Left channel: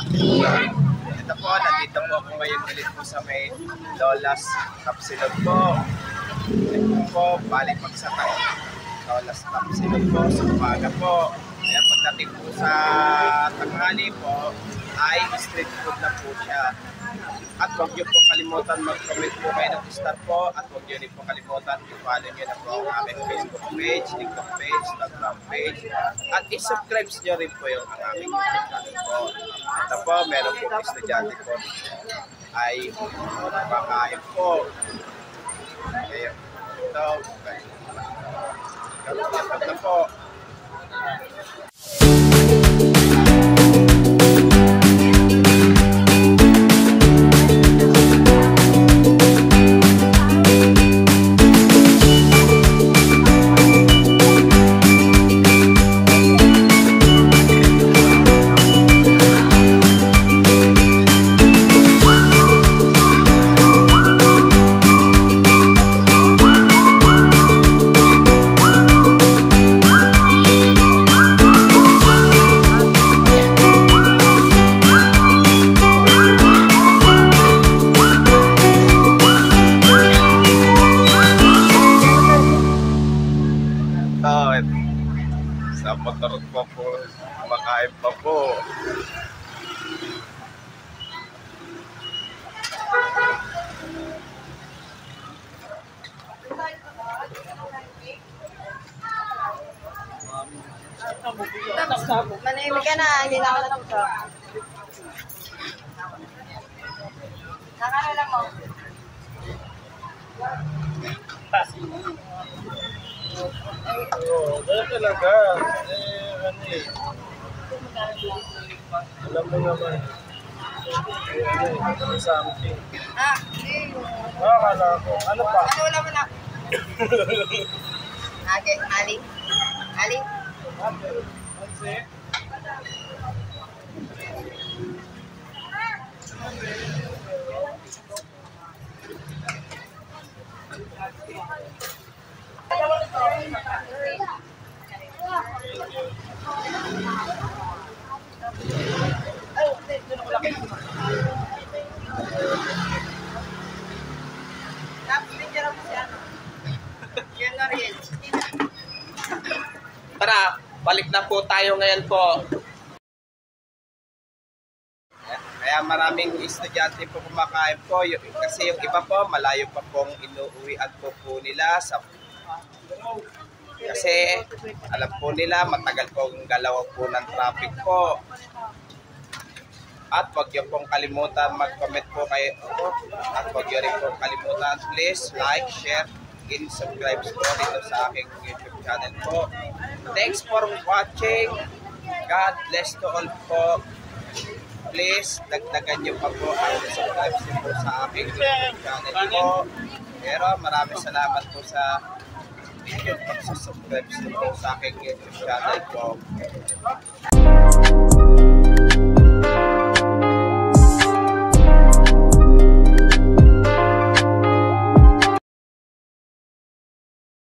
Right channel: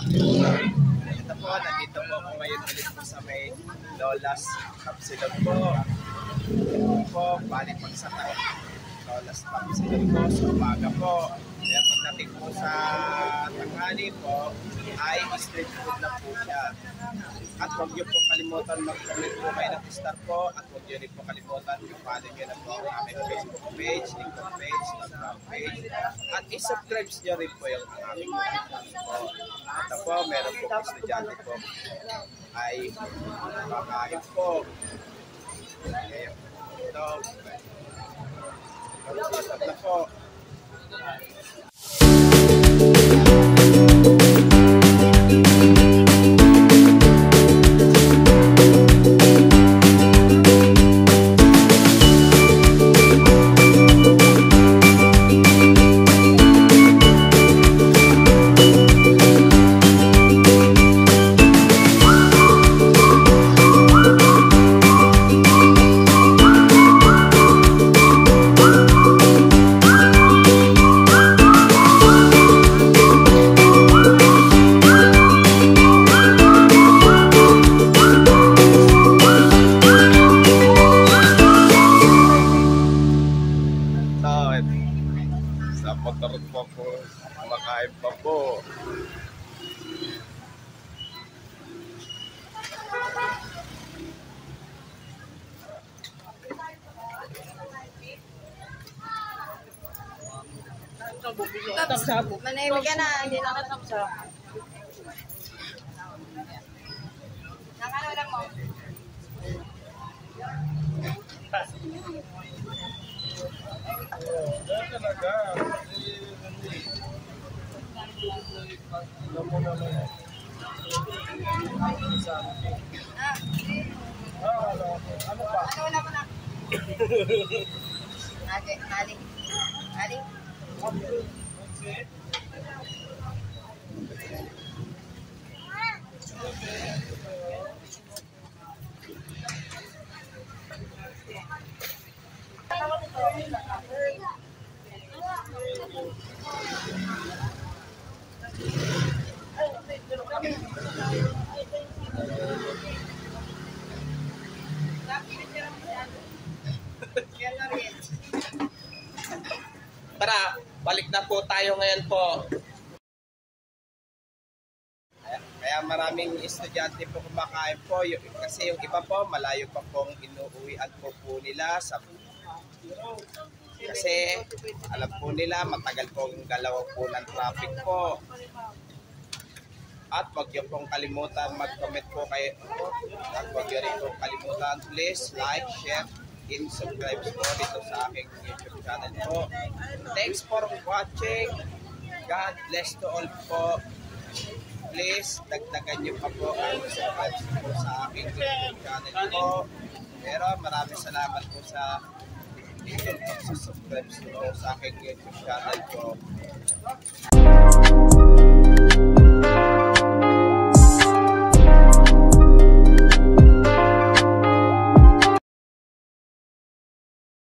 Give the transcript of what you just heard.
Ito po, nandito po ako ngayon ulit po sa may Lola's Tapsilog po. Ito po, balik magsakay. Lola's Tapsilog po sa umaga po. Kaya pagdating po sa tanghali po, ay street food na po siya. At huwag niyo po kalimutan mag-comment po kayo ng star po. At huwag niyo rin po kalimutan i-follow niyo na po ang aming Facebook page, TikTok page, Instagram page. At i-subscribe niyo rin po yung aming YouTube channel po. Ito po, meron po estudyante po ay kumakain po. Kaya ito, kapag na po. Sa makarot pa po, kumakain pa po. Manimig ka na, hindi na ako natapos. Nakano lang mo. Dahil talaga, alam mo naman, may something. Akala ko, ano pa? Ano wala mo na? Aling? Aling? That's it? Tara, balik na po tayo ngayon po. Kaya maraming estudyante po kumakain po. Kasi yung iba po, malayo pa pong inuuwian po nila. Kasi alam po nila, matagal pong galaw po ng traffic po. At huwag niyo pong kalimutan mag-comment po kayo. At huwag niyo rin pong kalimutan, please like, share, and subscribe po dito sa aking YouTube channel po. Thanks for watching. God bless to all po. Please, dagdagan niyo pa po ang subscribe po sa aking YouTube channel po. Pero maraming salamat po sa video pag-subscribe po sa aking YouTube channel po.